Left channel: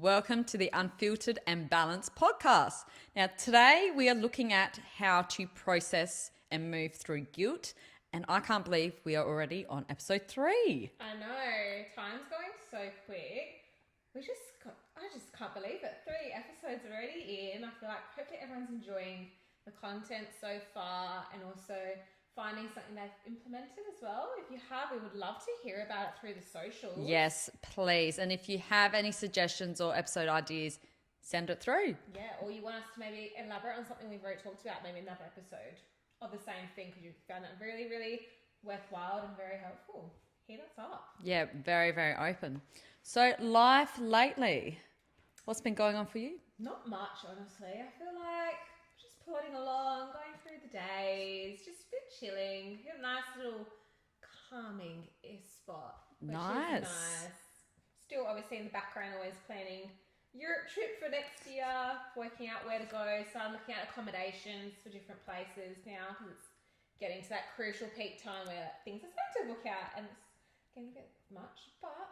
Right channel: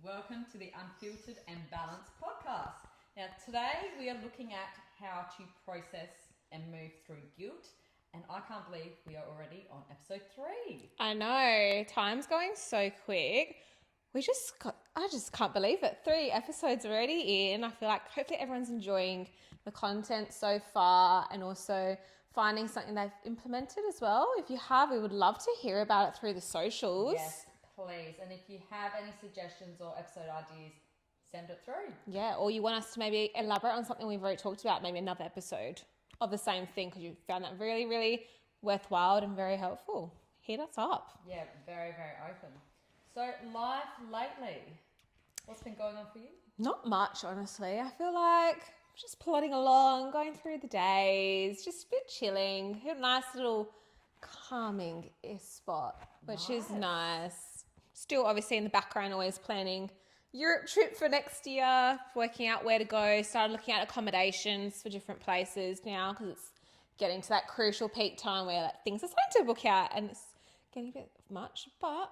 Welcome to the Unfiltered and Balanced podcast. Now, today we are looking at how to process and move through guilt. And I can't believe we are already on episode 3. I know. Time's going so quick. I just can't believe it. 3 episodes already in. I feel like hopefully everyone's enjoying the content so far and also finding something they've implemented as well. If you have, we would love to hear about it through the socials. Yes, please. And if you have any suggestions or episode ideas, send it through. Yeah, or you want us to maybe elaborate on something we've already talked about, maybe another episode of the same thing because you found that really, really worthwhile and very helpful. Hit us up. Yeah, very, very open. So, life lately, what's been going on for you? Not much, honestly. I feel like just plodding along, going through the days, just a bit chilling. Hit a nice little calming spot, which is nice. Still, obviously, in the background, always planning Europe trip for next year, working out where to go, started looking at accommodations for different places now because it's getting to that crucial peak time where things are starting to book out and it's getting a bit much, but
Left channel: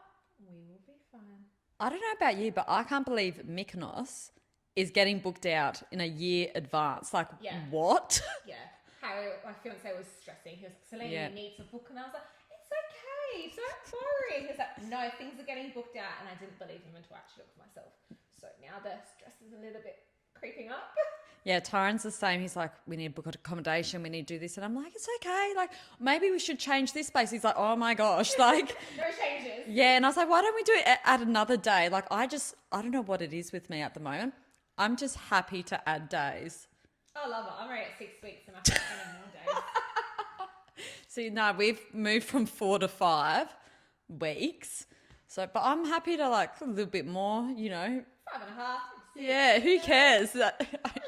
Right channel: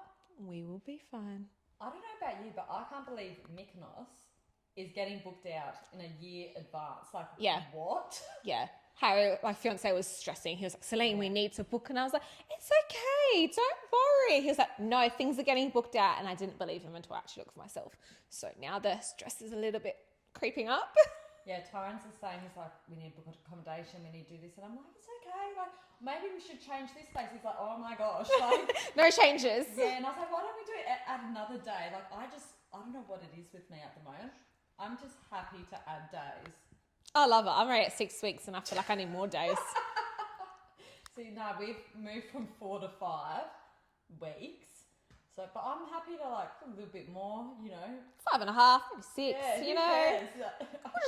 we will be fine. I don't know about you, but I can't believe Mykonos is getting booked out in a year advance. Like, what? Yeah. Harry, my fiance, was stressing. He was like, Celine, we need to book. And I was like, it's okay. Don't worry. He was like, no, things are getting booked out. And I didn't believe him until I actually looked for myself. So now the stress is a little bit creeping up. Yeah, Tyron's the same. He's like, we need to book accommodation. We need to do this. And I'm like, it's okay. Like, maybe we should change this place. He's like, oh my gosh. Like, no changes. Yeah. And I was like, why don't we do it at another day? Like, I don't know what it is with me at the moment. I'm just happy to add days. I love it. I'm already at 6 weeks and I feel like I need more days. See, no, we've moved from 4 to 5 weeks. So, but I'm happy to like a little bit more, 5.5, 6. Yeah, who cares?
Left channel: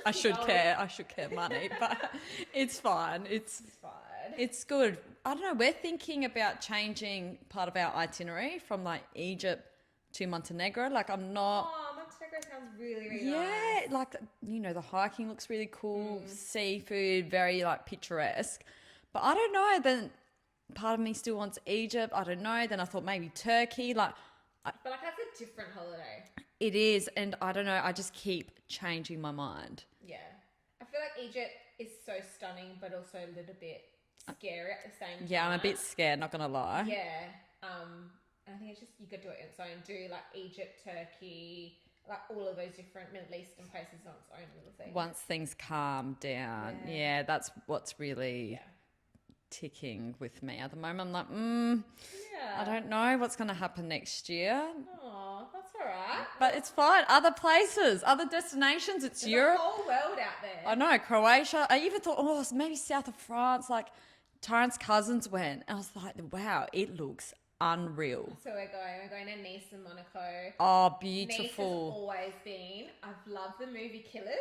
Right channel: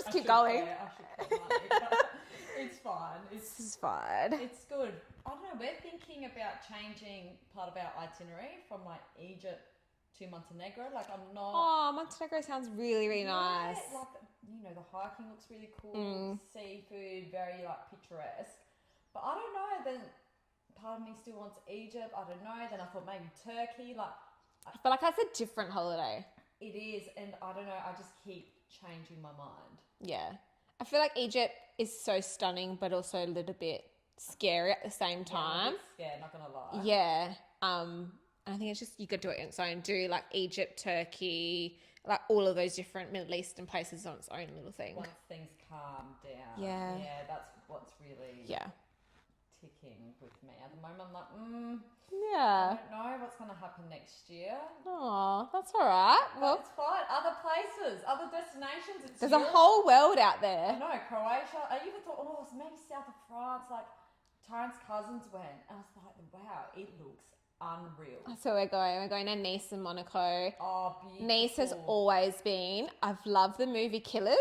I should going. care. I should care money, but it's fine. It's fine. It's good. I don't know. We're thinking about changing part of our itinerary from like Egypt to Montenegro. Like I'm not. Oh, Montenegro sounds really, really nice. Yeah, like the hiking looks really cool. Seafood, very like picturesque. But I don't know. Then part of me still wants Egypt. I don't know. Then I thought maybe Turkey. Like, I feel like that's a different holiday. It is, and I don't know. I just keep changing my mind. Yeah, I feel like Egypt is so stunning, but also a little bit scary at the same time. Yeah, I'm a bit scared. Not gonna lie. Yeah. And I think it's just, you could do it on its own. Do like Egypt, Turkey, like all of those different Middle Eastern places on its own little thing. Once things calm down. Yeah, that's what's really ticking with me at the moment. I'm like, I don't know what's going to happen next year. Oh, that's all right. But it's fine. Other places, other destinations. There's Europe. a whole world out there. I know, Croatia. I even thought, maybe south of France. Like, Tyron's cousins went. And I was like, wow, it looks unreal. So we're going to Nice and Monaco. Oh, beautiful. Nice has always been. I've loved the movie Killers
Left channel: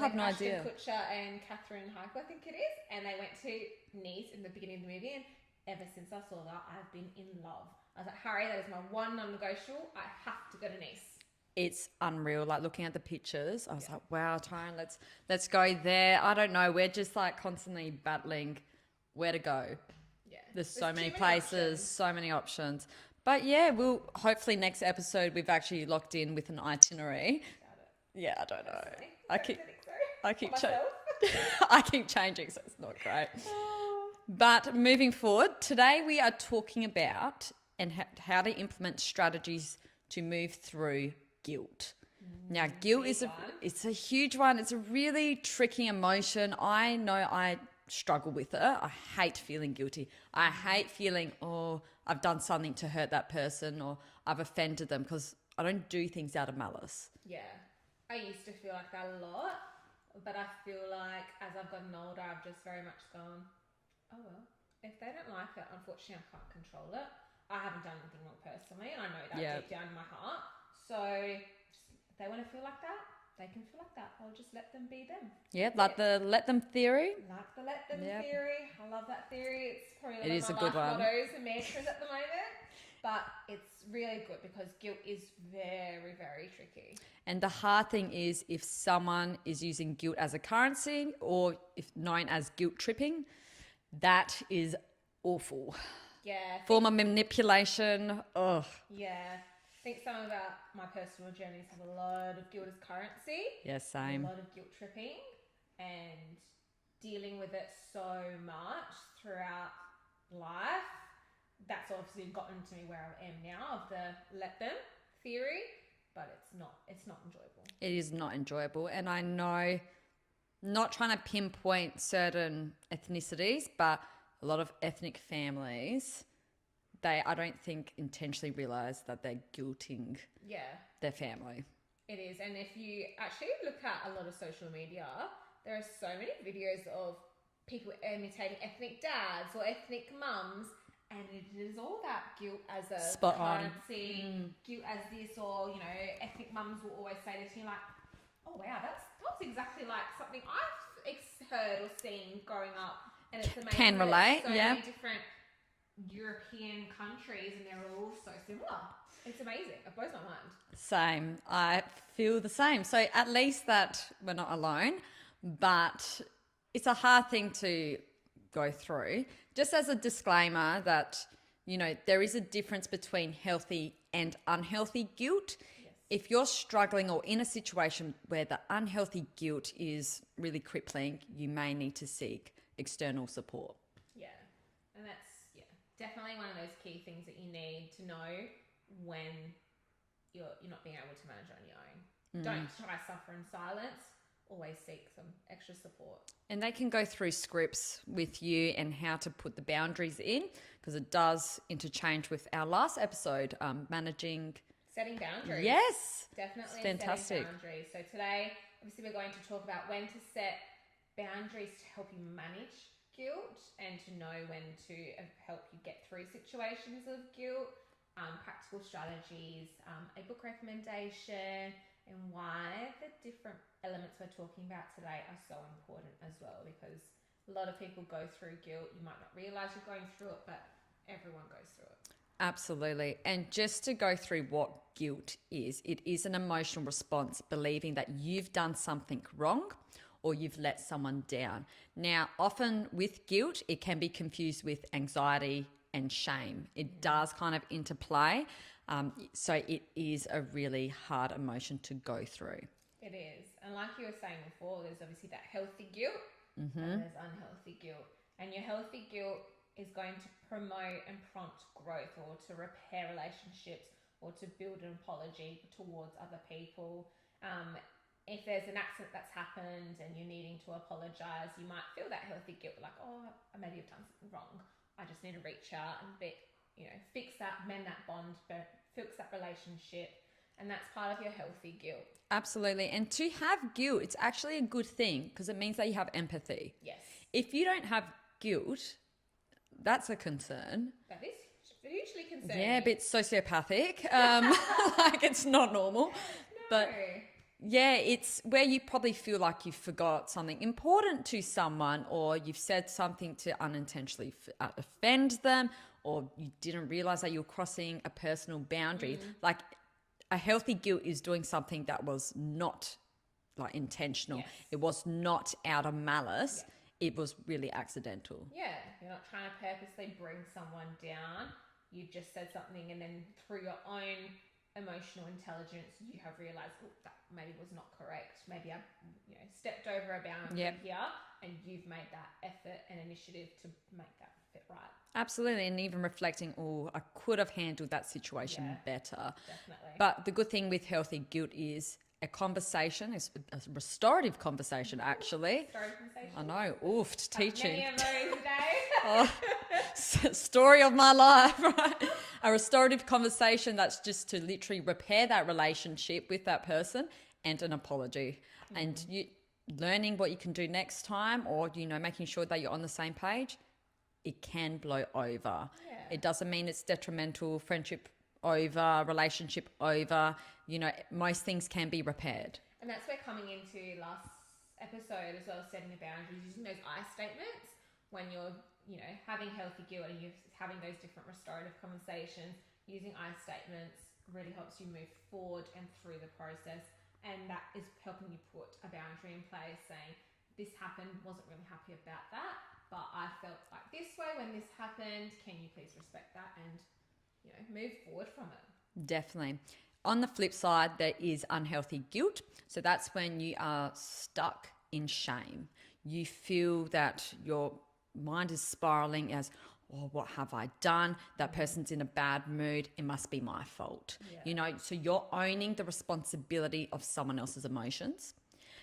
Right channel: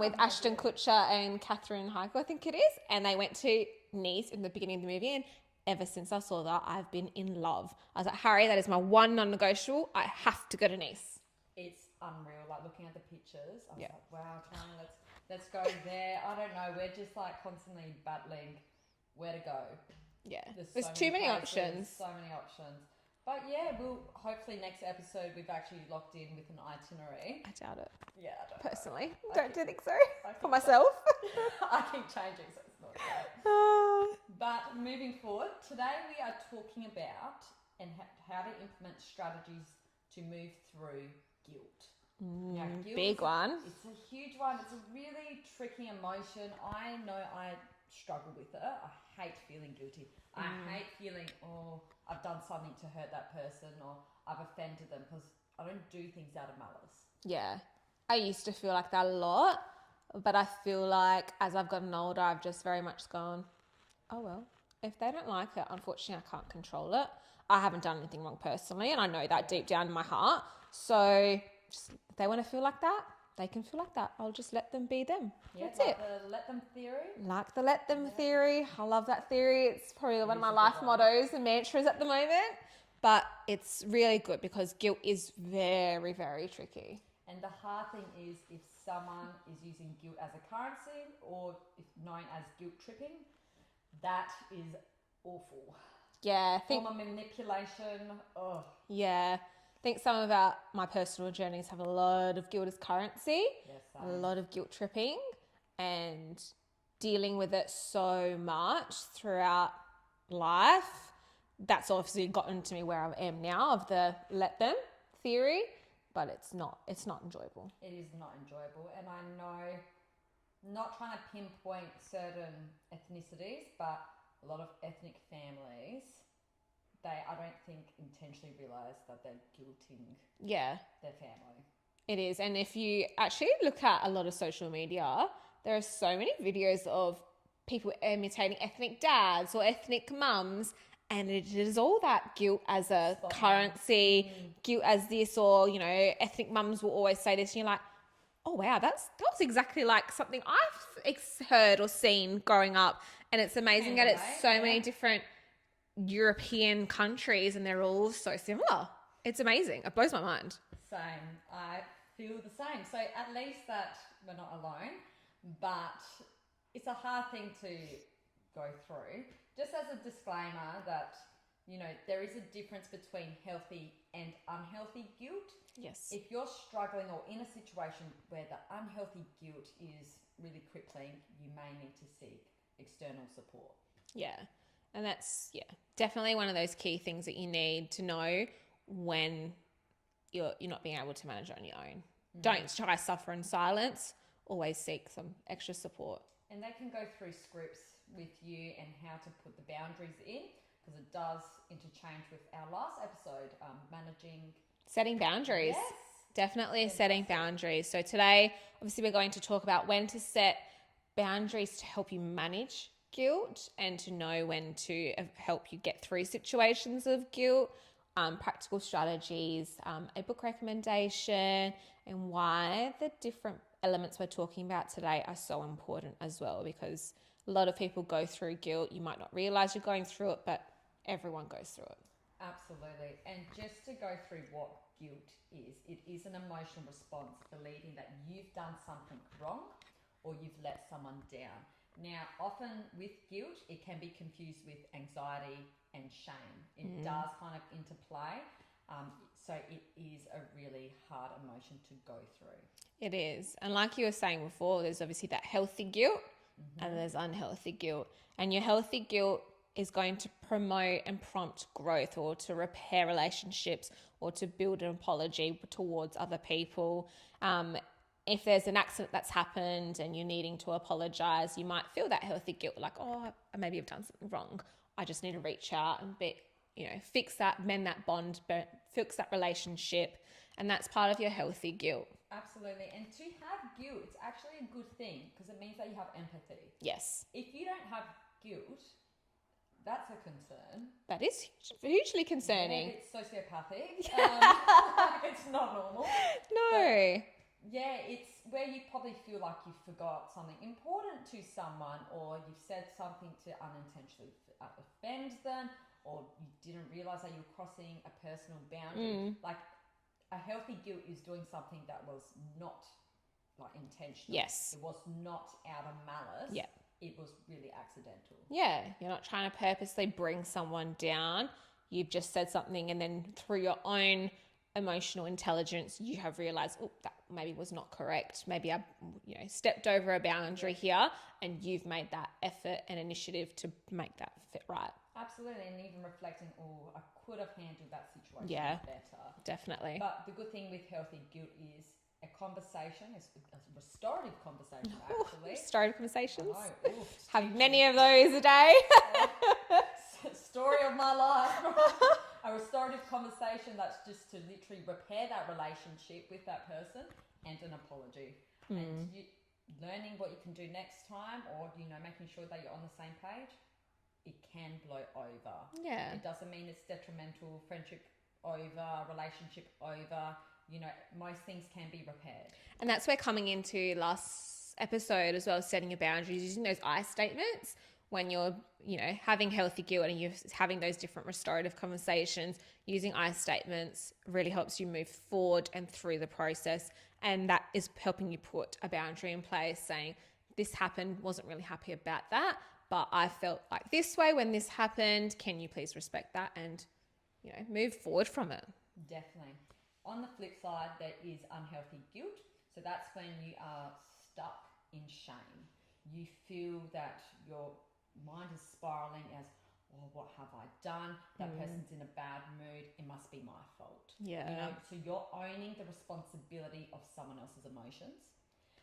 with Ashton Kutcher and Catherine Heigl, I think it is. And they went to Nice in the beginning of the movie, and ever since I saw that, I've been in love. I was like, Harry, that is my one non-negotiable. I have to go to Nice. It's unreal. Like looking at the pictures, I was like, wow, Tyron, let's go there. I don't know. We're just like constantly battling where to go. Yeah. There's so many places, so many options. But yeah, we'll hopefully next episode we've actually locked in with an itinerary. I doubt it. Yeah, I don't Personally, know. I don't think so. I keep for myself. I keep changing, so it's not great. But moving forward, today we are talking about and how to implement strategies to move through guilt. Now, guilt is it's a huge one. It's a really tricky emotion. I know I struggle with it. I hate feeling guilty. I hate feeling, I've done something to hurt that person or I've offended them because I don't do things out of malice. Yeah. I used to feel like that a lot, but I feel like as I've gotten older, I've just very much gone, oh well, if they don't like it, unfortunately I can't control it. I haven't done anything wrong personally, and I know that deep down in my heart. So just, if they want to feel like that, they can feel like that. I'll just let them be them. Yeah, it's like the let them theory. Like the let them theory. I love that theory. It's probably one of my life mottos and mantras at the moment. But it's really good because guilt is very, very tricky. And the hard thing is if someone is using guilt as a currency or if known as guilt tripping, That is awful. Yeah. Form of manipulation. Ugh. Yeah. I think some of my personal journeys have a lot of guilt as currency. Yeah, same. A lot of guilt tripping and dealing with it so much throughout life. That's obviously gotten to me where I am now of the let them theory, but it's not enjoyable. It is not enjoyable. And I know, not trying to pinpoint certain ethnicities, but a lot of ethnic families, I don't think intentionally realize that they're guilting their family. It is. And if you actually look at a lot of social media, there are so many videos of people imitating ethnic dads or ethnic mums, and it is all that guilt as a Spotlight. currency, guilt as this, or, you know, ethnic mums will always say this, and you're like, oh wow, that was exactly like something I've heard or seen growing up. And it's amazing that it's so many different European countries and they're all so similar. It's amazing. It blows my mind. Same. I feel the same. So at least that we're not alone, but it's a hard thing to go through. Just as a disclaimer that, you know, there is a difference between healthy and unhealthy guilt. Yes. If you're struggling or in a situation where the unhealthy guilt is really crippling, you may need to seek external support. Yeah. And that's, definitely one of those key things that you need to know when you're not being able to manage it on your own. Don't try to suffer in silence. Always seek some extra support. And they can go through scripts with you and how to put the boundaries in, because it does interchange with our last episode, Setting boundaries. Yes. Definitely setting boundaries. So today, obviously, we're going to talk about when to set boundaries to help you manage guilt and to know when to help you get through situations of guilt, practical strategies, a book recommendation, and why the different elements we're talking about today are so important as well, because a lot of people go through guilt. You might not realize you're going through it, but everyone goes through it. Absolutely. And just to go through what guilt is, it is an emotional response believing that you've done something wrong or you've let someone down. Now, often with guilt, it can be confused with anxiety and shame. It does kind of interplay. So it is a really hard emotion to go through. It is. And like you were saying before, there's obviously that healthy guilt and there's unhealthy guilt. And your healthy guilt is going to promote and prompt growth or to repair relationships or to build an apology towards other people. If there's an accident that's happened and you're needing to apologize, you might feel that healthy guilt, like, oh, maybe I've done something wrong. I just need to reach out and fix that, mend that bond, fix that relationship. And that's part of your healthy guilt. Absolutely. And to have guilt, it's actually a good thing because it means that you have empathy. Yes. If you don't have guilt, that's a concern. That is hugely concerning. Yeah, a bit sociopathic. Like it's not normal. No. But yeah, it's where you probably feel like you forgot something important to someone, or you've said something to unintentionally offend them, or you didn't realize that you're crossing a personal boundary. Like a healthy guilt is doing something that was not like intentional. Yes. It was not out of malice. Yeah. It was really accidental. Yeah, you're not trying to purposely bring someone down. You've just said something and then through your own emotional intelligence, you have realized, oh, that maybe was not correct. Maybe I stepped over a boundary here, and you've made that effort and initiative to make that fit right. Absolutely. And even reflecting, oh, I could have handled that situation better. Definitely. But the good thing with healthy guilt is a conversation, a restorative conversation, actually. Restorative conversations. I know. Oof, Have teaching. many of those a day. Story of my life, right? A restorative conversation that's just to literally repair that relationship with that person and an apology. And you learning what you can do next time, or, making sure that you're on the same page, it can blow over. Yeah. It doesn't mean it's detrimental, friendship over, relationship over. Most things can be repaired. And that's where coming into last episode as well, setting your boundaries, using those I statements when you're, having healthy guilt and you're having those different restorative conversations, using I statements really helps you move forward and through the process. And that is helping you put a boundary in place saying, this happened, wasn't really happy about that, but I felt like this way when this happened. Can you please respect that and, move forward from it? Definitely. On the flip side, there is unhealthy guilt. So that's when you are stuck in shame. You feel that your mind is spiraling as, oh, what have I done? That person's in a bad mood. It must be my fault. Yeah. So you're owning the responsibility of someone else's emotions.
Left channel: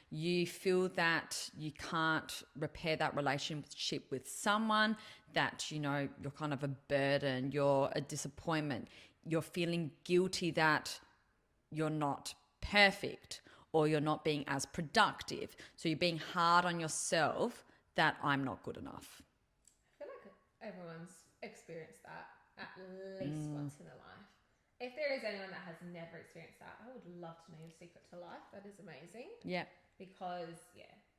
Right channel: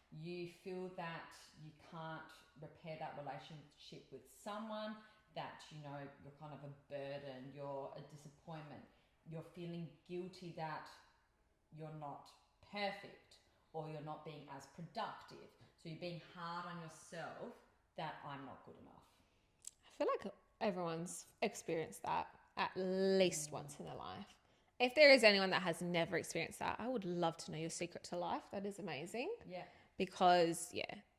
You feel that you can't repair that relationship with someone, that, you're kind of a burden, you're a disappointment. You're feeling guilty that you're not perfect or you're not being as productive. So you're being hard on yourself that I'm not good enough. I feel like everyone's experienced that at least once in their life. If there is anyone that has never experienced that, I would love to know your secret to life. That is amazing. Yeah. Because,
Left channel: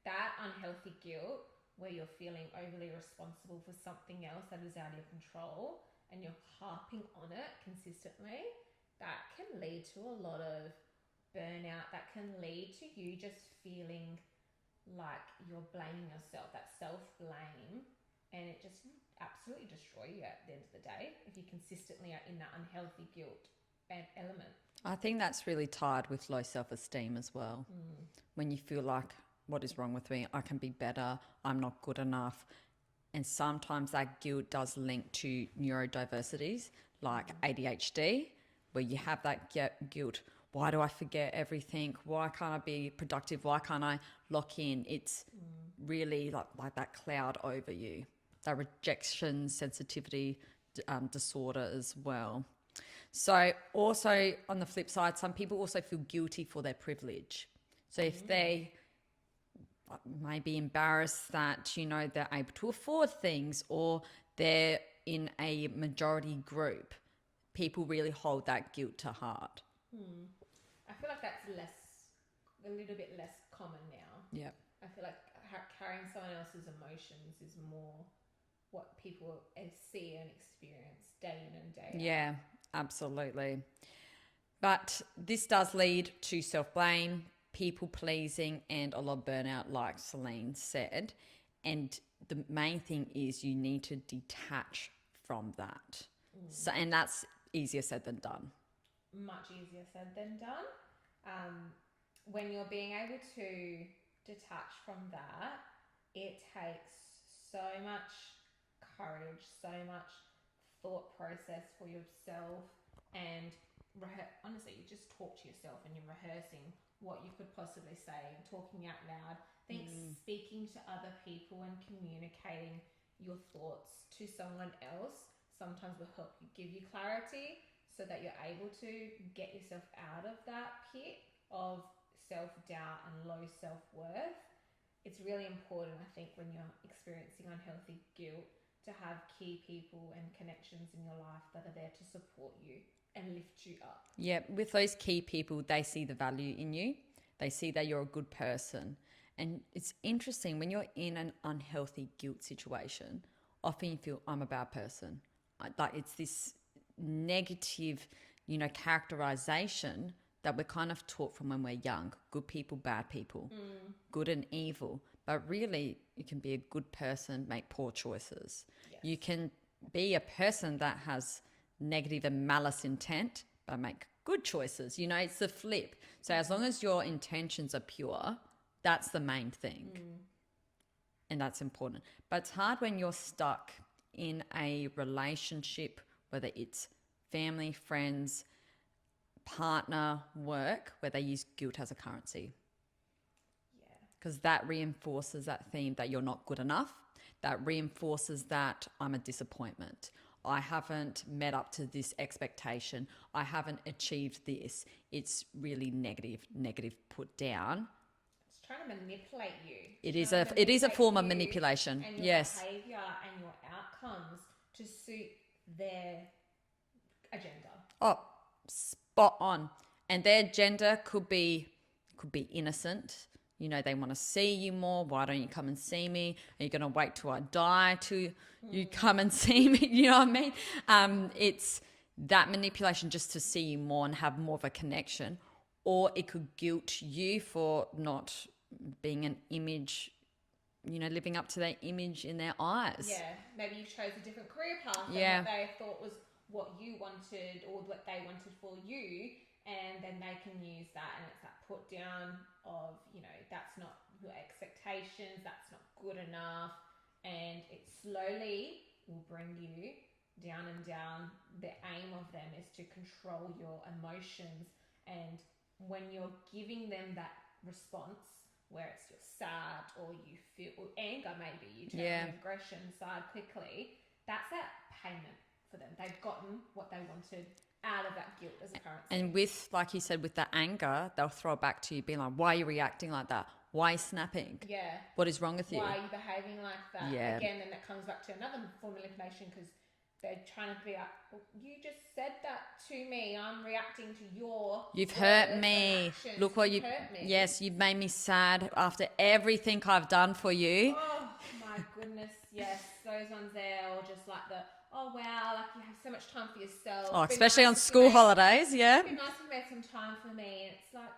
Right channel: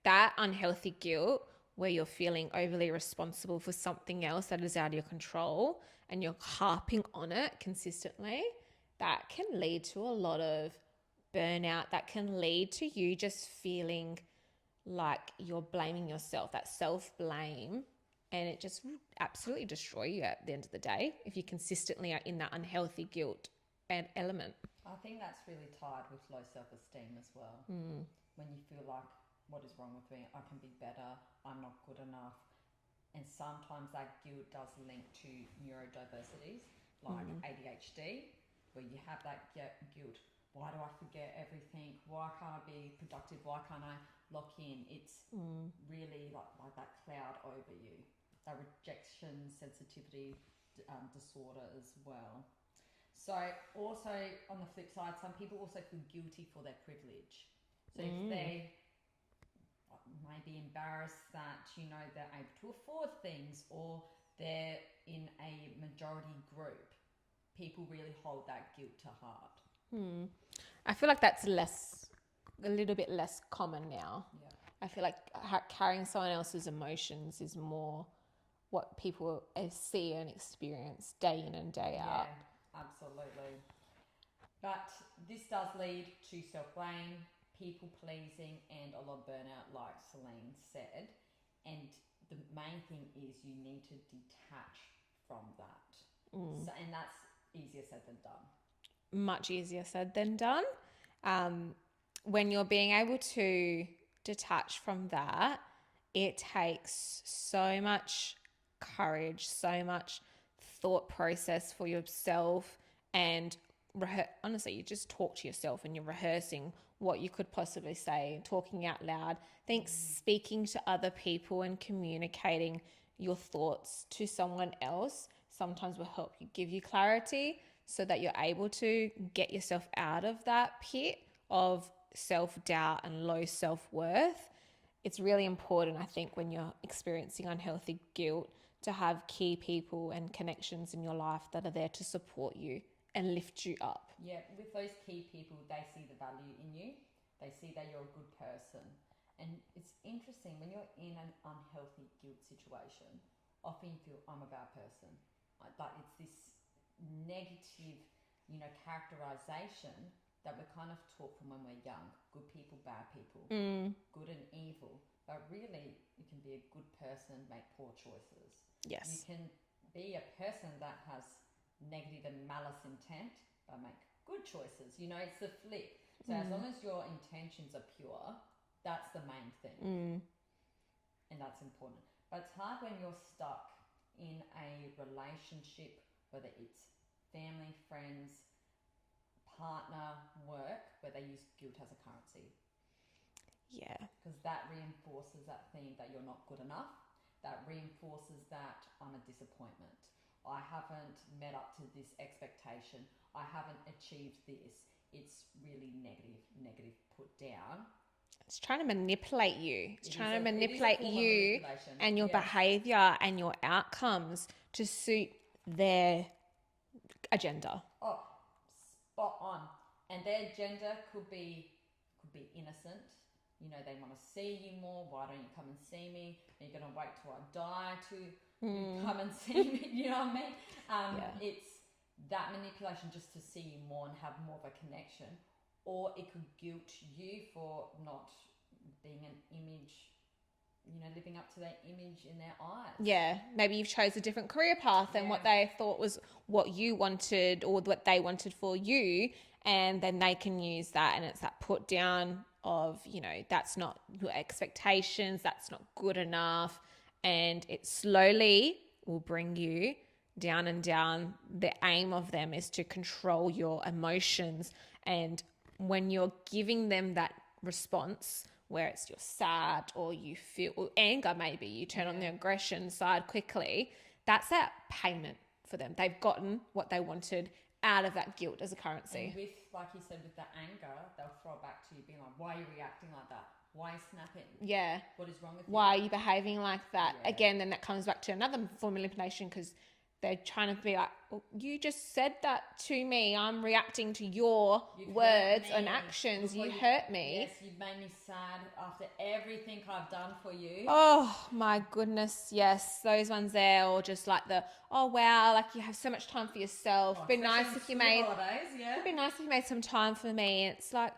that unhealthy guilt where you're feeling overly responsible for something else that is out of your control and you're harping on it consistently, that can lead to a lot of burnout. That can lead to you just feeling like you're blaming yourself, that self-blame, and it just absolutely destroy you at the end of the day if you consistently are in that unhealthy guilt and element. I think that's really tied with low self-esteem as well. When you feel like, what is wrong with me? I can be better. I'm not good enough. And sometimes that guilt does link to neurodiversities like ADHD, where you have that guilt. Why do I forget everything? Why can't I be productive? Why can't I lock in? It's really like that cloud over you. That rejection sensitivity disorder as well. So also on the flip side, some people also feel guilty for their privilege. So if they may be embarrassed that, they're able to afford things or they're in a majority group, people really hold that guilt to heart. I feel like that's a little bit less common now. Yeah. I feel like carrying someone else's emotions is more what people see and experience day in and day out. Yeah, absolutely. But this does lead to self-blame, people-pleasing, and a lot of burnout, like Celine said. And the main thing is you need to detach from that. So, and that's easier said than done. Much easier said than done. When you're being able to detach from that, it takes so much courage, so much thought process for yourself, and honestly, you just talk to yourself and you're rehearsing what you could possibly say, talking out loud. I think speaking to other people and communicating your thoughts to someone else sometimes will help you, give you clarity so that you're able to get yourself out of that pit of self-doubt and low self-worth. It's really important, I think, when you're experiencing unhealthy guilt to have key people and connections in your life that are there to support you and lift you up. Yeah, with those key people, they see the value in you. They see that you're a good person. And it's interesting, when you're in an unhealthy guilt situation, often you feel, I'm a bad person. Like it's this negative, characterization that we're kind of taught from when we're young. Good people, bad people, good and evil. But really, you can be a good person, make poor choices. Yes. You can be a person that has negative and malice intent, but make good choices. It's the flip. So as long as your intentions are pure, that's the main thing. And that's important. But it's hard when you're stuck in a relationship, whether it's family, friends, partner, work, where they use guilt as a currency. Yeah. Because that reinforces that theme that you're not good enough. That reinforces that I'm a disappointment. I haven't met up to this expectation. I haven't achieved this. It's really negative put down. It's trying to manipulate you. It is a form of manipulation. And your behavior and your outcomes to suit their agenda. Oh, spot on. And their agenda could be innocent. They want to see you more. Why don't you come and see me? Are you going to wait till I die to you come and see me? You know what I mean? It's that manipulation just to see you more and have more of a connection. Or it could guilt you for not being an image living up to their image in their eyes. Yeah, maybe you've chose a different career path than what they thought was what you wanted or what they wanted for you, and then they can use that, and it's that put down of, that's not your expectations, that's not good enough, and it slowly will bring you down and down. The aim of them is to control your emotions, and when you're giving them that response where it's you're sad or you feel anger, maybe you turn on the aggression side quickly, that's that payment for them. They've gotten what they wanted out of that guilt as a currency. And with, like you said, with the anger, they'll throw it back to you being like, why are you reacting like that? Why are you snapping? Yeah. What is wrong with you? Why are you behaving like that? Yeah. Again, then that comes back to another form of manipulation, because they're trying to be like, well, you just said that to me. I'm reacting to your You've words hurt me. and actions. Look what you hurt me. Yes, you've made me sad after everything I've done for you. Oh my goodness, yes, those ones there, or just like the, oh wow, like you have so much time for yourself. Oh, especially on school holidays, yeah. It'd be nice if you made some time for me. It's like,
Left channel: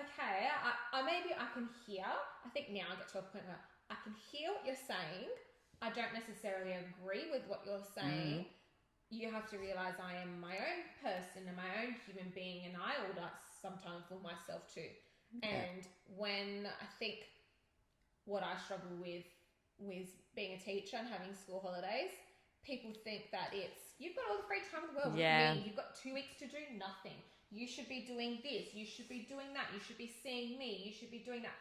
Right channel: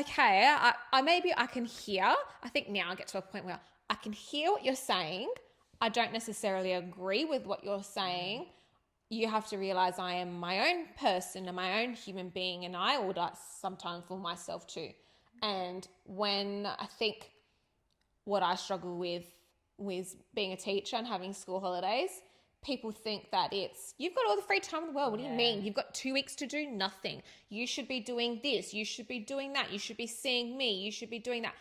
okay, I maybe I can hear. I think now I get to a point where I can hear what you're saying. I don't necessarily agree with what you're saying. You have to realize I am my own person and my own human being, and I would ask some time for myself too. And when I think what I struggle with being a teacher and having school holidays, people think that it's, you've got all the free time in the world. What do you mean? You've got 2 weeks to do nothing. You should be doing this. You should be doing that. You should be seeing me. You should be doing that.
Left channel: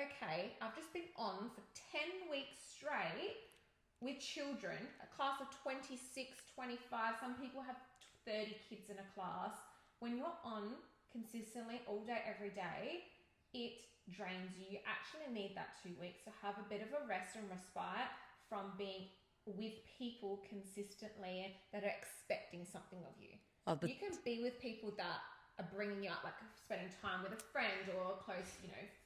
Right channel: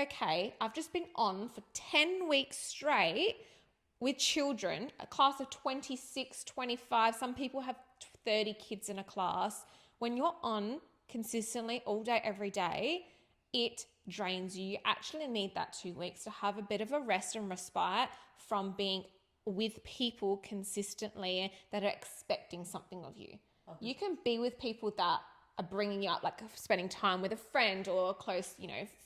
Okay, I've just been on for 10 weeks straight with children, a class of 26, 25. Some people have 30 kids in a class. When you're on consistently all day, every day, it drains you. You actually need that 2 weeks to have a bit of a rest and respite from being with people consistently that are expecting something of you. You can be with people that are bringing you up, like spending time with a friend or a close,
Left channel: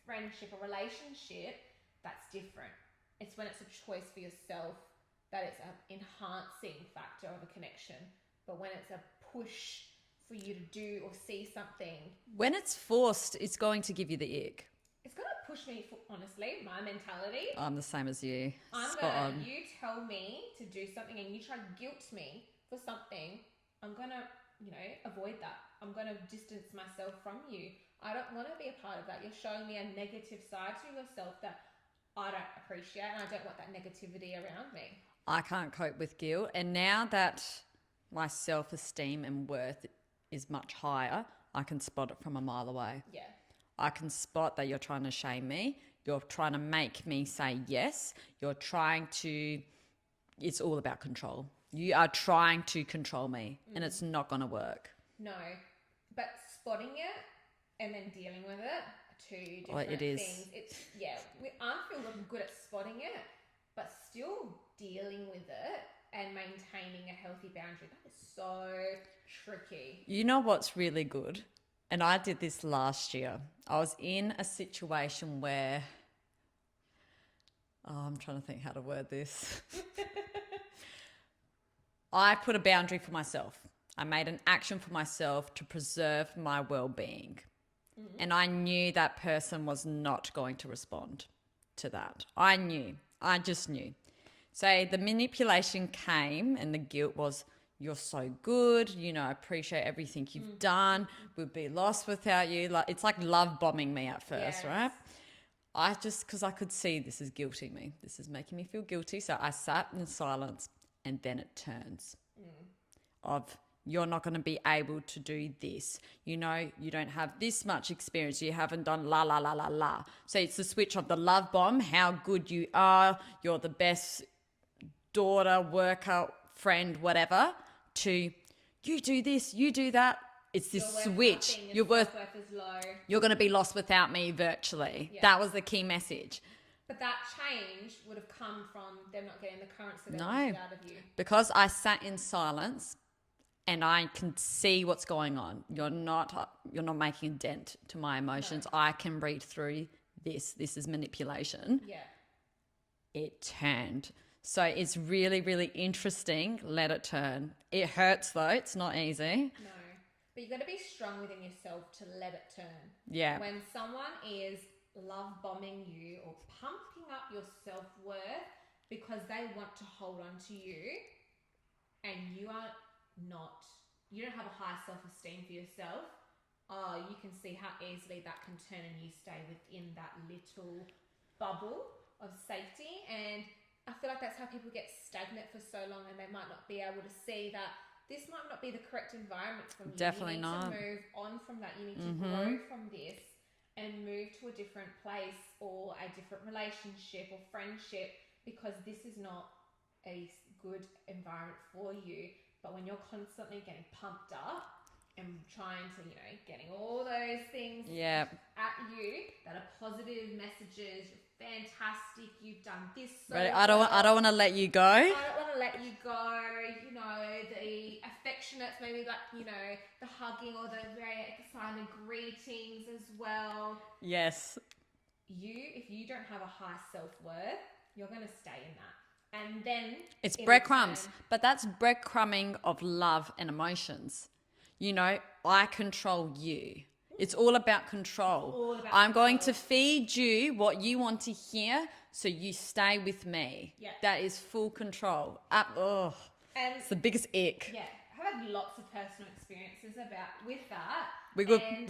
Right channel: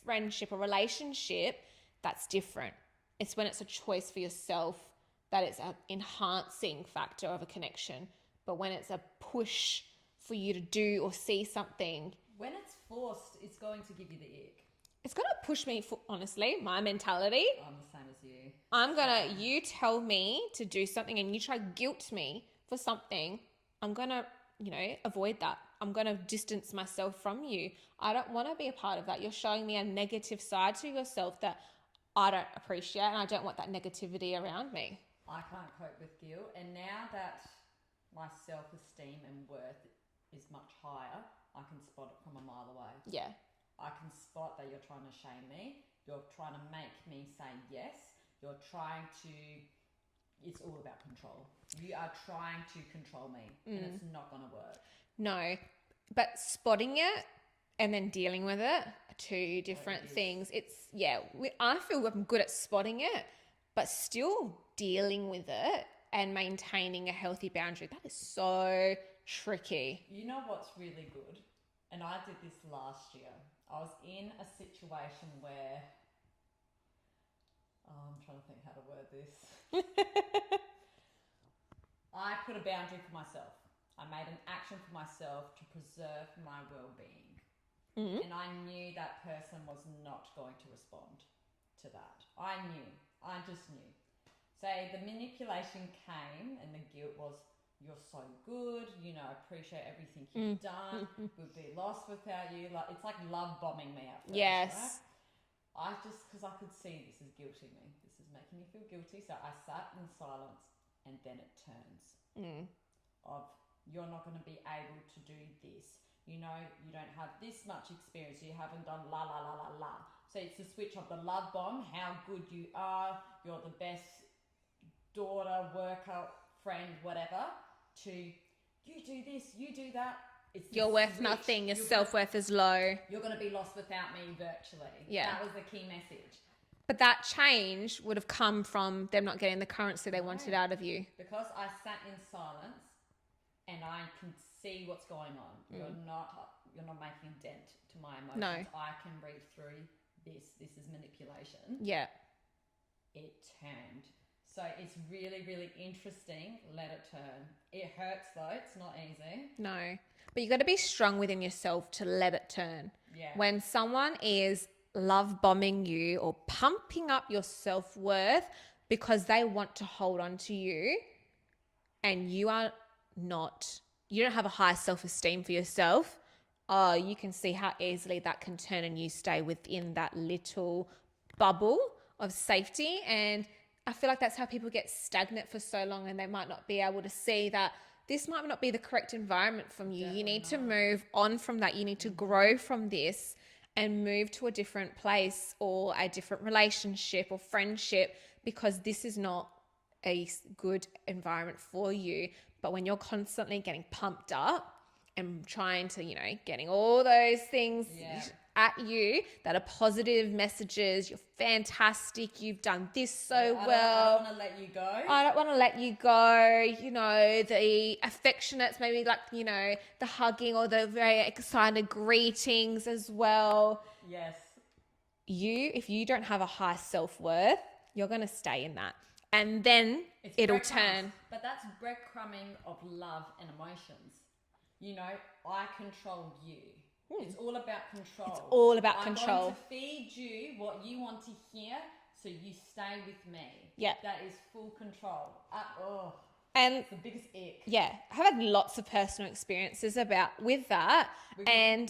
friendship or relationship. That's different. It's when it's a choice for yourself that it's an enhancing factor of a connection. But when it's a push for you to do or see something, when it's forced, it's going to give you the ick. It's going to push me, honestly, my mentality. I'm the same as you. You tell me to do something and you try to guilt me for something, I'm going to, avoid that. I'm going to distance myself from you. I don't want to be a part of that. You're showing me a negative side to yourself that I don't appreciate, and I don't want that negativity around me. I can't cope with guilt. And now that my self-esteem and worth is much higher, I can spot it from a mile away. Yeah. I can spot that you're trying to shame me. You're trying to make me say yes. It's all about control. You are trying to control me, and it's not going to work. No, but spotting it and then dealing with it are two different things. I feel I'm good at spotting it, but still dealing with it and maintaining a healthy boundary, that is so tricky. You know what's really good? And I did this last year. I was in a situation where, I'm trying to think how to word this. I put a boundary for myself. I made an action for myself to preserve my well-being. And I knew that person was not going to respond to that. I just knew. So the manipulation came and the guilt was, you're so good, I appreciate everything you've done. We'd be lost without you. It's like love bombing me at first, right? Because I could see this is guilting me. This is making me feel guilty. So I sat in silence, and then it turns of, you're not going to be able to do this. You don't have this much experience. You haven't done la, la, la, la, la. So it's the switch of the love bomb, how good you are, you're the best daughter, worker, friend, whatever, to you do this, you do that. It's this you're worth switch. Nothing. Your self-worth is low. You're going to be lost without me virtually. Yeah. That was the key message. But that change would have come from them not getting the currency they wanted out of you. Because I sat in silence and I can see what's going on. You're not making a dent to my emotions. No. I can read through this. This is manipulation. Yeah. It turned. So it's really, really interesting. Let it turn. It hurts though. It's not easy. No. But you got to be strong within yourself to let it turn. Yeah. When someone is love bombing you or pumping up your self-worth because they want to hold on to you, and you don't have a high self-esteem for yourself, you can see how easily that can turn and you stay within that little bubble of safety. And I feel like that's how people get stagnant for so long, and they might not be able to see that this might not be the correct environment from you. Definitely you need not. to move on from that. You need to grow from this and move to a different place or a different relationship or friendship, because this is not a good environment for you. But when you're constantly getting pumped up and trying to, getting all those things at you that are positive messages, you're fantastic, you've done this so well. I don't want to let you go. I don't want to let you go. The affectionates, maybe the hugging or the very excited greetings as well. Yes. If you don't have a high self-worth, you're going to stay in that. And then it's it'll breadcrumbs. turn. But that's breadcrumbing of love and emotions. I control you. It's all about control. It's all about I'm control. going to feed you what you want to hear, so you stay with me. Yeah. That is full control. And it's the biggest ick. yeah, I've had lots of personal experiences with that. We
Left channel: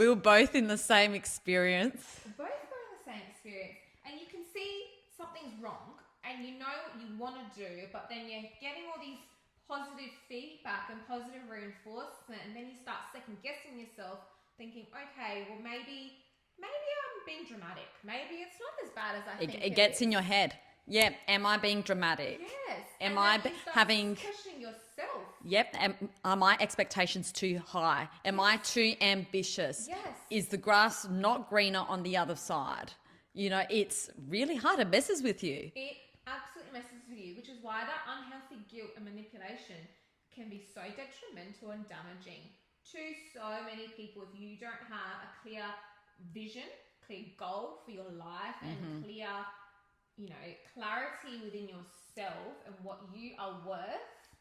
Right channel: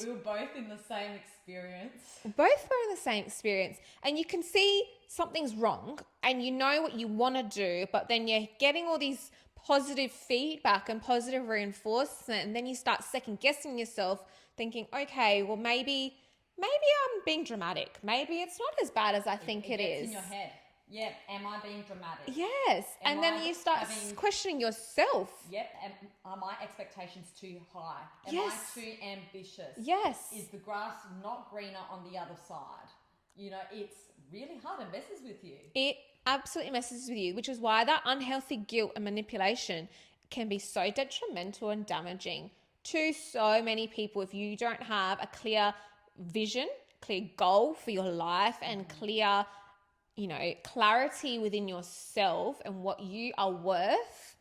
were both in the same experience. Both were in the same experience. And you can see something's wrong and you know what you want to do, but then you're getting all these positive feedback and positive reinforcement, and then you start second guessing yourself, thinking, okay, well maybe I'm being dramatic. Maybe it's not as bad as I think it is. It gets in your head. Yeah, am I being dramatic? Yes. Am and then you start questioning yourself. Yep. Are my expectations too high? Am I too ambitious? Yes. Is the grass not greener on the other side? It's really hard. It messes with you. It absolutely messes with you, which is why that unhealthy guilt and manipulation can be so detrimental and damaging to so many people. If you don't have a clear vision, clear goal for your life, and clear clarity within yourself and what you are worth,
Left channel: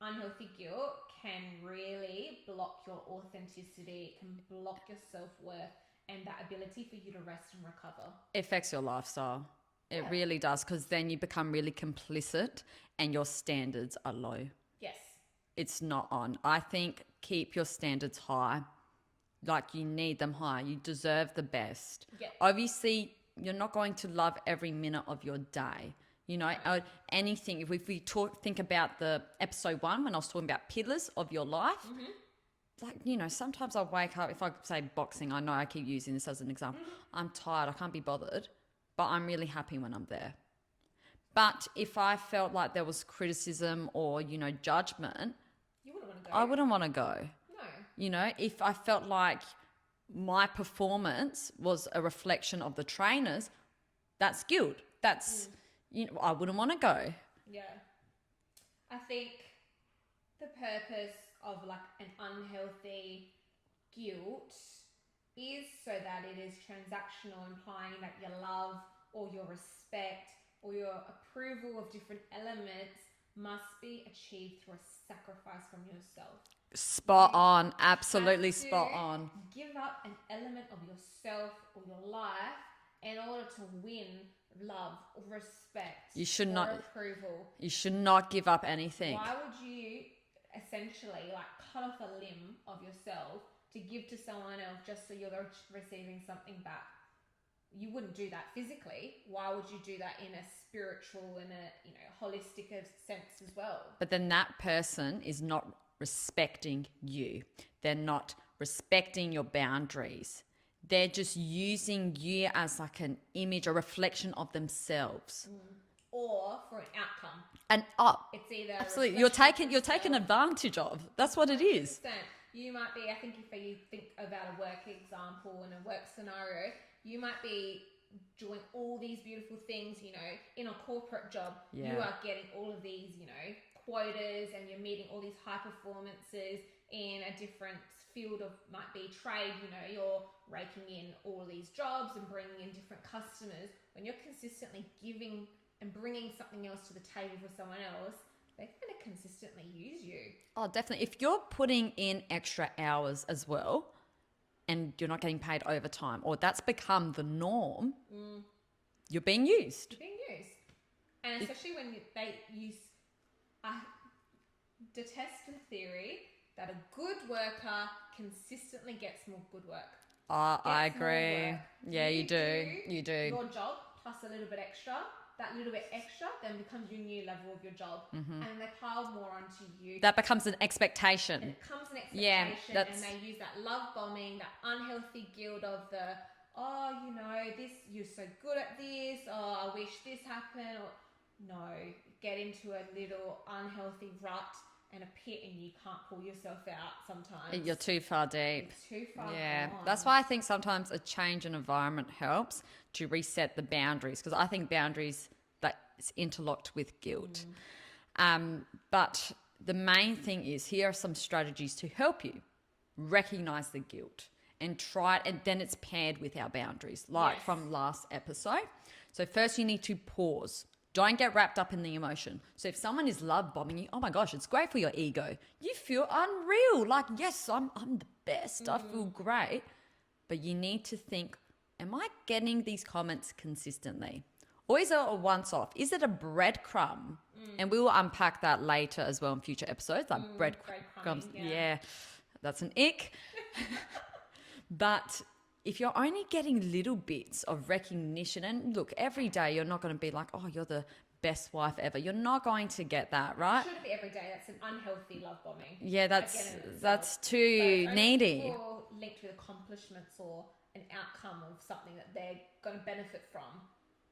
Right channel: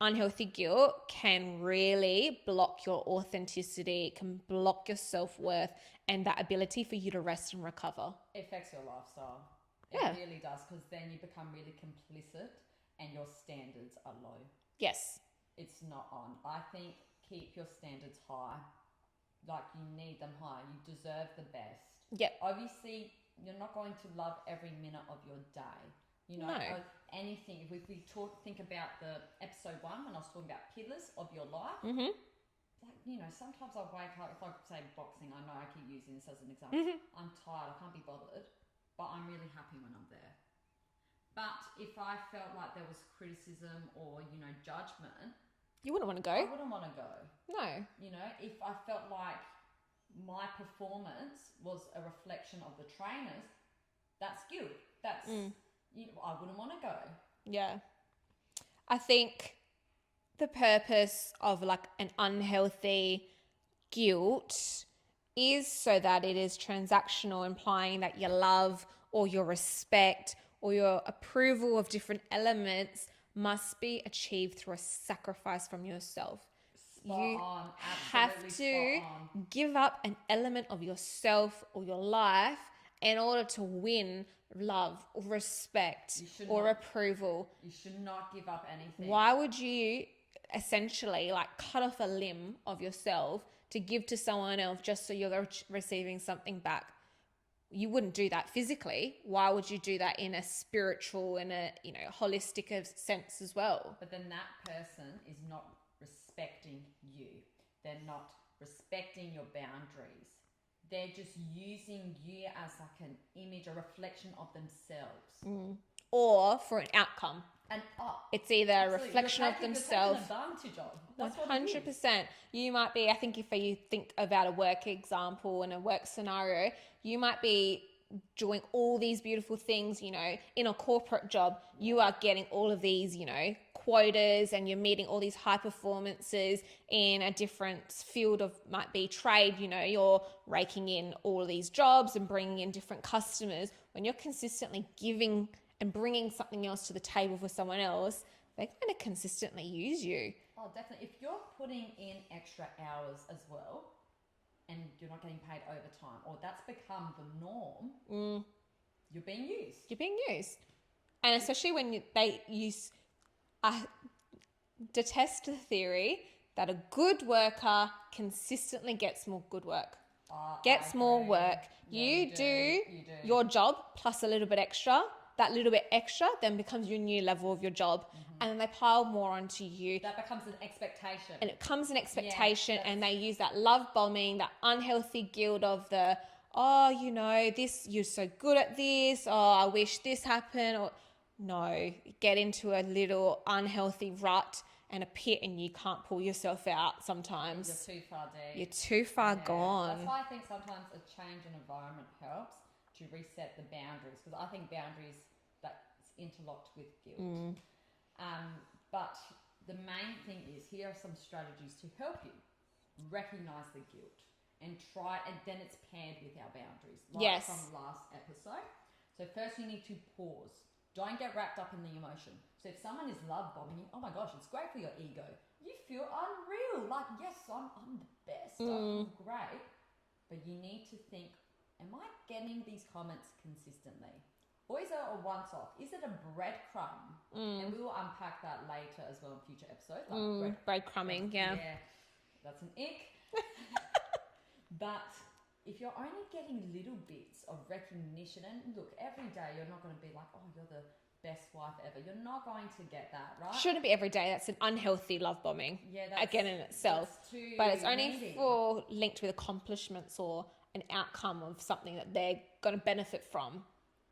unhealthy guilt can really block your authenticity. It can block your self-worth and that ability for you to rest and recover. It affects your lifestyle. It Yeah. really does, because then you become really complicit and your standards are low. Yes. It's not on. I think keep your standards high. Like, you need them high. You deserve the best. Yep. Obviously, you're not going to love every minute of your day. No. Anything. If we think about the episode 1 when I was talking about pillars of your life, sometimes I wake up, if I say boxing, I know I keep using this as an example. I'm tired, I can't be bothered, but I'm really happy when I'm there. But if I felt like there was criticism or, judgment, You wouldn't want to go. I wouldn't want to go. No. If I felt like my performance was a reflection of the trainers, that's guilt. That's, I wouldn't want to go. Yeah. I think the purpose of an unhealthy guilt is so that it is transactional, implying that your love or your respect or your approval of different elements must be achieved through a sacrifice from yourself. Spot You on. Absolutely have to spot on. give up an element of yourself or your life in order to win love or respect approval. You should not give up anything. Why would you essentially cut off a limb of yourself to give to someone else just so you're receiving something back? You wouldn't do that physically. Why would you do that in a spiritual and a holistic sense as well? But then that person is not respecting you. They're not respecting your boundaries. They're just using you as an image, a reflection of themselves. Or for an outcome. It's either absolutely. A reflection You're taken advantage of. That's what it is. 100%. You might be, I think if you think about a work example and a work scenario, you might be doing all these beautiful things, in a corporate job. Yeah. You are getting all of these, quotas, and you're meeting all these high performances in a different field of, might be trade, you're raking in all of these jobs and bringing in different customers. When you're consistently giving and bringing something else to the table for someone else, they're going to consistently use you. Oh, definitely. If you're putting in extra hours as well, and you're not getting paid overtime, or that's become the norm, you're being used. You're being used. And especially when they use, I detest the theory that a good worker consistently gets more good work. I agree. More work. Yeah, you do. Your job plus a little bit extra. That little bit extra then becomes your new level of your job. And then they pile more onto you. That becomes an expectation. And it becomes an expectation, Yeah, and they use that love bombing, that unhealthy guilt of the, oh, you know, this, you're so good at this, oh, I wish this happened, or no, get into a little unhealthy rut and a pit, and you can't pull yourself out sometimes. You're too far deep. You're too far gone. That's why I think sometimes a change in environment helps to reset the boundaries, because I think boundaries, that's interlocked with guilt. But the main thing is, here are some strategies to help you recognize the guilt and try it, and then it's paired with our boundaries, like from last episode. So first you need to pause. Don't get wrapped up in the emotion. So if someone is love bombing you, oh my gosh, it's great for your ego. You feel unreal. Like, yes, I'm the best. I feel great. But you need to think, am I getting these comments consistently? Or is it a once-off? Is it a breadcrumb? And we will unpack that later as well in future episodes. Like breadcrumbing, yeah. That's an ick. But if you're only getting little bits of recognition, and look, every day you're not going to be like, oh, you're the best wife ever. You're not going to get that, right? Shouldn't be every day. That's an unhealthy love bombing. Yeah, that's again in itself. That's too but it's only needy. For linked with accomplishments or an outcome of something that they're going to benefit from.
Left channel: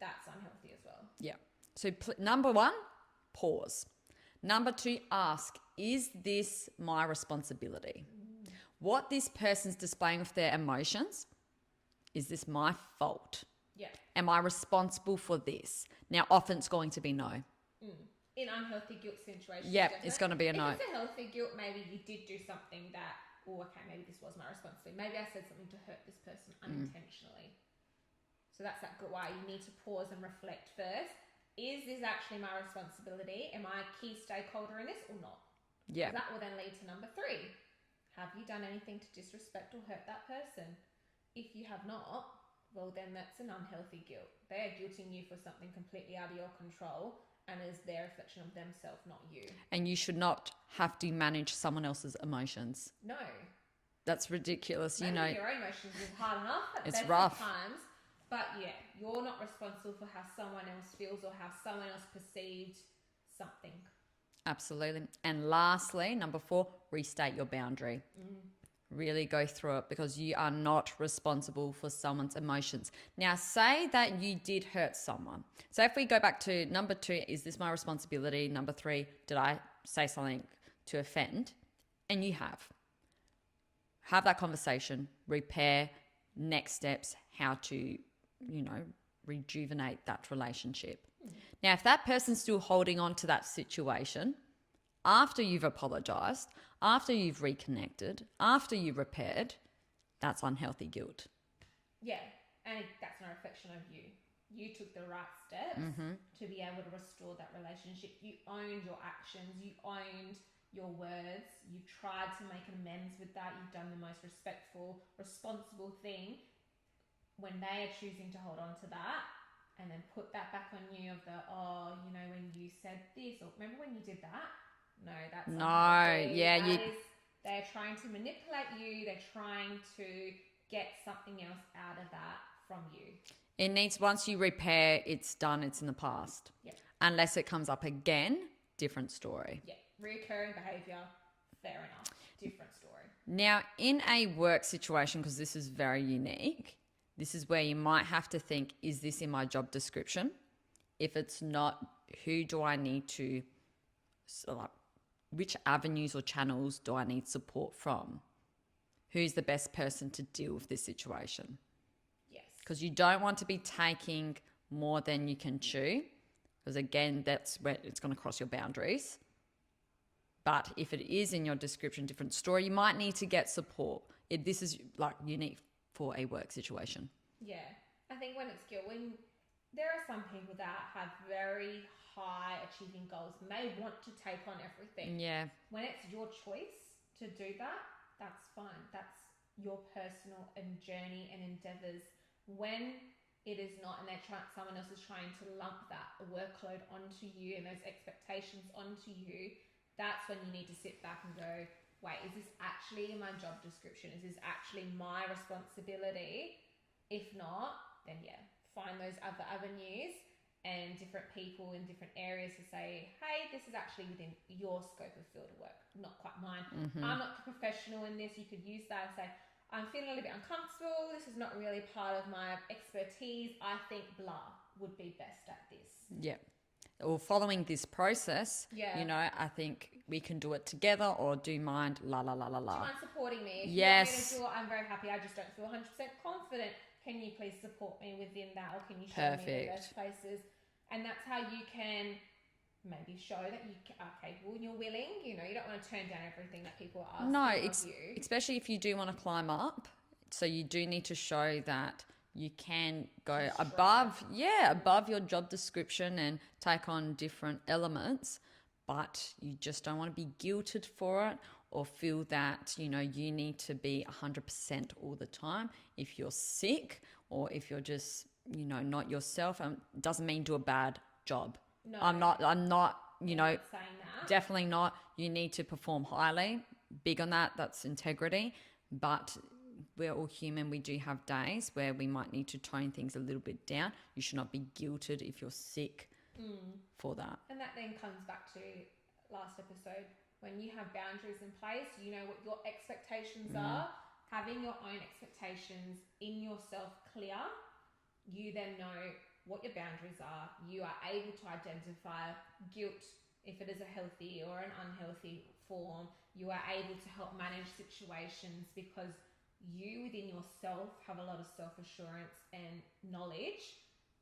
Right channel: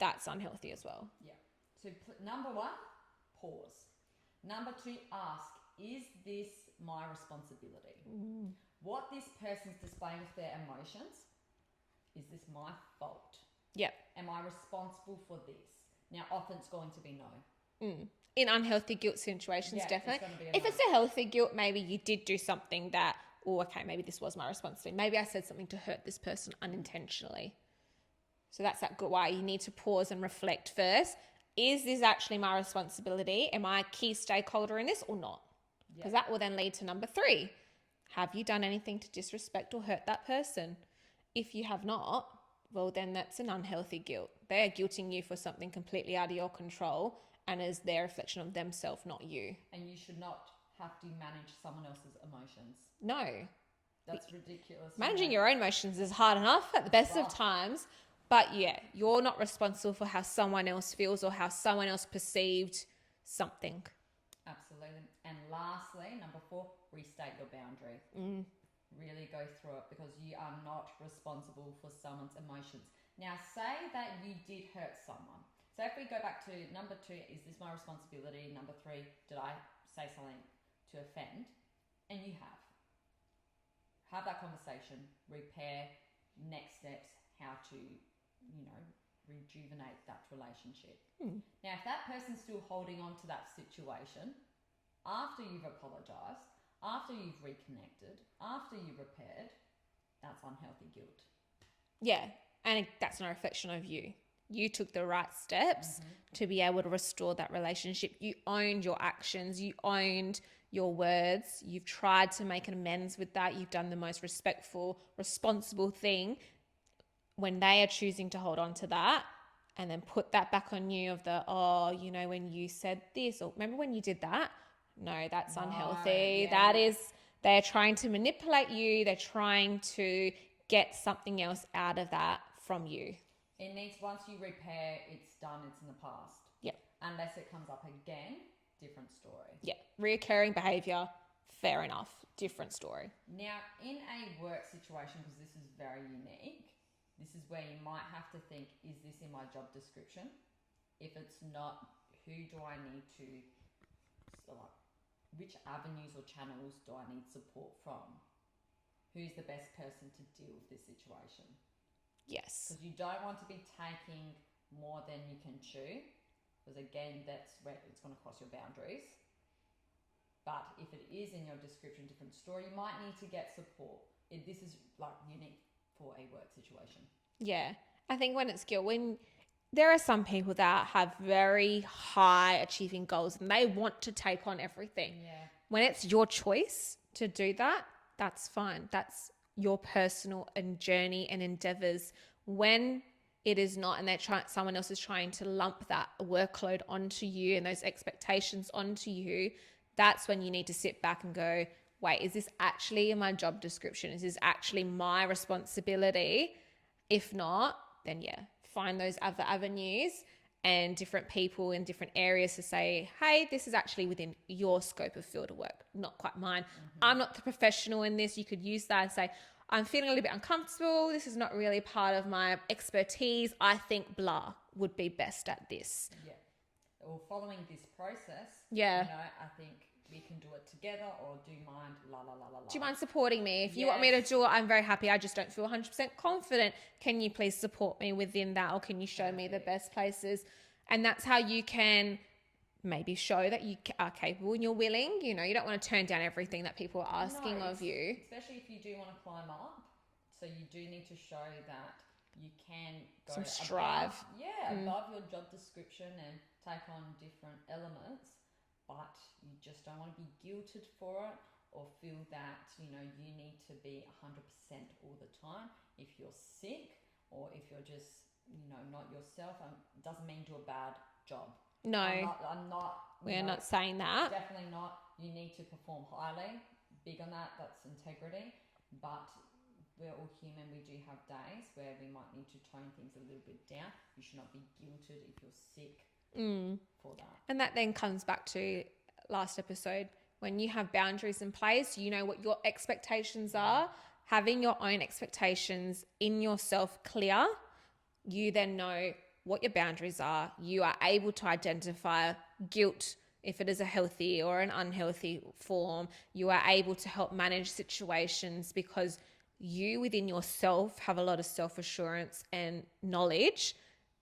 That's unhealthy as well. Yeah. So number one, pause. Number two, ask, is this my responsibility? What this person's displaying of their emotions, is this my fault? Yeah. Am I responsible for this? Now, often it's going to be no. In unhealthy guilt situations, definitely. It's going to be a no. If it's a healthy guilt, maybe you did do something that, oh, okay, maybe this was my responsibility. Maybe I said something to hurt this person unintentionally. So that's that good why you need to pause and reflect first. Is this actually my responsibility? Am I a key stakeholder in this or not? Yeah. Because that will then lead to number 3. Have you done anything to disrespect or hurt that person? If you have not, well, then that's an unhealthy guilt. They're guilting you for something completely out of your control and is their reflection of themselves, not you. And you should not have to manage someone else's emotions. No. That's ridiculous. Managing your own emotions is hard enough at the best of times. But yeah, you're not responsible for how someone else feels or how someone else perceived something. Absolutely. And lastly, number 4, restate your boundary. Really go through it, because you are not responsible for someone's emotions. Now, say that you did hurt someone. So if we go back to number 2, is this my responsibility? Number 3, did I say something to offend? And you have that conversation, repair, next steps, how to, rejuvenate that relationship. Now, if that person's still holding on to that situation after you've apologized, after you've reconnected, after you've repaired, that's unhealthy guilt. Yeah, and that's no reflection of you. You took the right steps to be able to restore that relationship. You owned your actions. You owned your words. You've tried to make an amends with that. You've done the most respectful, responsible thing. When they are choosing to hold on to that and then put that back on you of the, when you said this, or remember when you did that? No, that's unhealthy. Yeah, they're trying to manipulate you. They're trying to get something else out of that from you. It needs, once you repair, it's done, it's in the past. Yeah. Unless it comes up again, different story. Yeah. Reoccurring behavior, fair enough. Different story. Now, in a work situation, because this is very unique, this is where you might have to think, is this in my job description? If it's not, who do I need to, which avenues or channels do I need support from? Who's the best person to deal with this situation? Yes. Because you don't want to be taking more than you can chew, because again, that's where it's going to cross your boundaries. But if it is in your description, different story, you might need to get support. This is unique for a work situation. Yeah. I think when it's guilt, when there are some people that have very high achieving goals and they want to take on everything. Yeah. When it's your choice to do that, that's fine. That's your personal and journey and endeavors. When it is not, and someone else is trying to lump that workload onto you and those expectations onto you, that's when you need to sit back and go, wait, is this actually in my job description? Is this actually my responsibility? If not, then find those other avenues and different people in different areas to say, hey, this is actually within your scope of field of work, not quite mine. I'm not the professional in this. You could use that and say, I'm feeling a little bit uncomfortable. This is not really part of my expertise. I think blah would be best at this. Yeah. Or following this process, I think we can do it together, or do you mind la la la la la. Do you mind supporting me? If you want me to do it, I'm very happy. I just don't feel 100% confident. Can you please support me within that, or can you show me the best places? And that's how you can maybe show that you are capable and you're willing. You don't want to turn down everything that people are asking of you. Especially if you do want to climb up. So you do need to show that you can go above your job description and take on different elements, but you just don't want to be guilted for it or feel that, you need to be 100% all the time. If you're sick or if you're just, not yourself, doesn't mean do a bad job. No. I'm not, We're not saying that. Definitely not. You need to perform highly. Big on that. That's integrity. But we're all human. We do have days where we might need to tone things a little bit down. You should not be guilted if you're sick for that. And that then comes back to last episode. When you have boundaries in place, you know what your expectations are. Having your own expectations in yourself clear, you then know what your boundaries are. You are able to identify guilt if it is a healthy or an unhealthy form. You are able to help manage situations because you within yourself have a lot of self-assurance and knowledge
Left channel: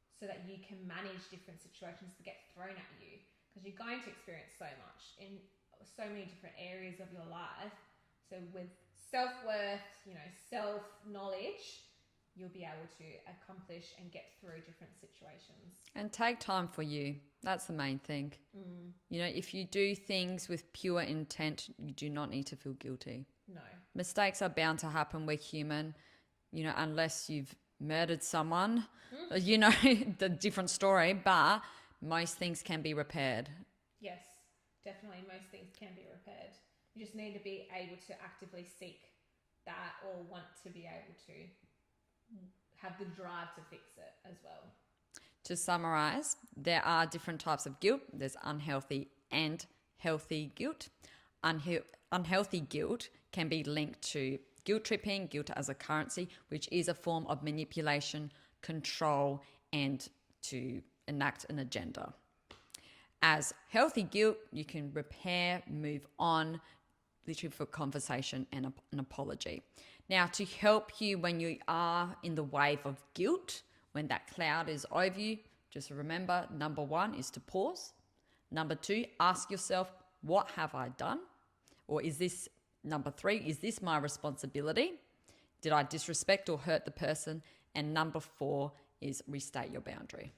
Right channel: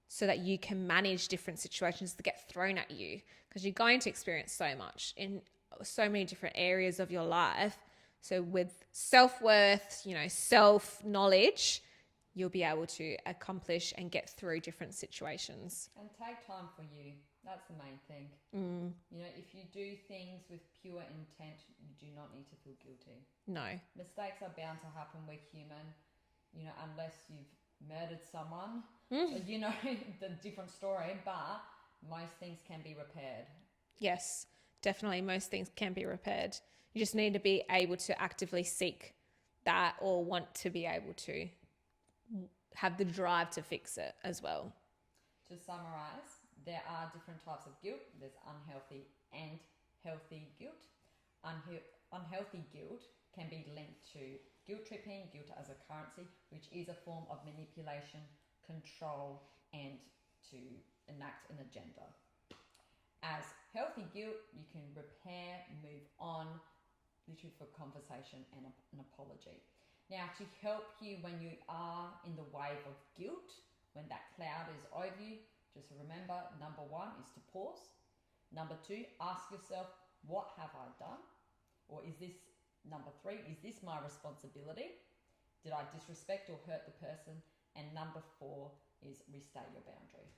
so that you can manage different situations that get thrown at you, because you're going to experience so much in so many different areas of your life. So with self-worth, self-knowledge, you'll be able to accomplish and get through different situations. And take time for you. That's the main thing. If you do things with pure intent, you do not need to feel guilty. No. Mistakes are bound to happen. We're human. Unless you've murdered someone, the different story, but most things can be repaired. Yes, definitely. Most things can be repaired. You just need to be able to actively seek that or want to be able to have the drive to fix it as well. To summarize, there are different types of guilt. There's unhealthy and healthy guilt. Unhealthy guilt can be linked to guilt tripping, guilt as a currency, which is a form of manipulation, control, and to enact an agenda. As healthy guilt, you can repair, move on, literally for conversation and an apology. Now, to help you when you are in the wave of guilt, when that cloud is over you, just remember, number 1 is to pause. Number 2, ask yourself, what have I done? Or number 3, is this my responsibility? Did I disrespect or hurt the person? And number 4 is restate your boundary.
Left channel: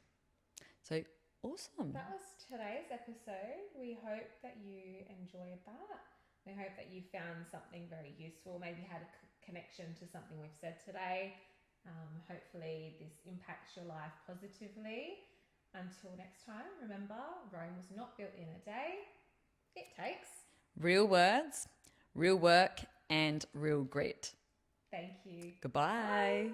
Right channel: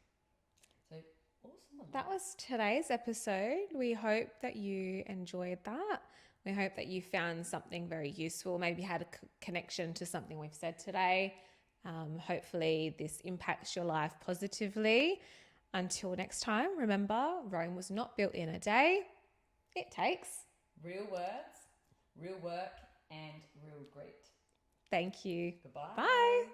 So awesome. That was today's episode. We hope that you enjoyed that. We hope that you found something very useful, maybe had a connection to something we've said today. Hopefully this impacts your life positively. Until next time, remember, Rome was not built in a day. It takes real words, real work, and real grit. Thank you. Goodbye. Bye.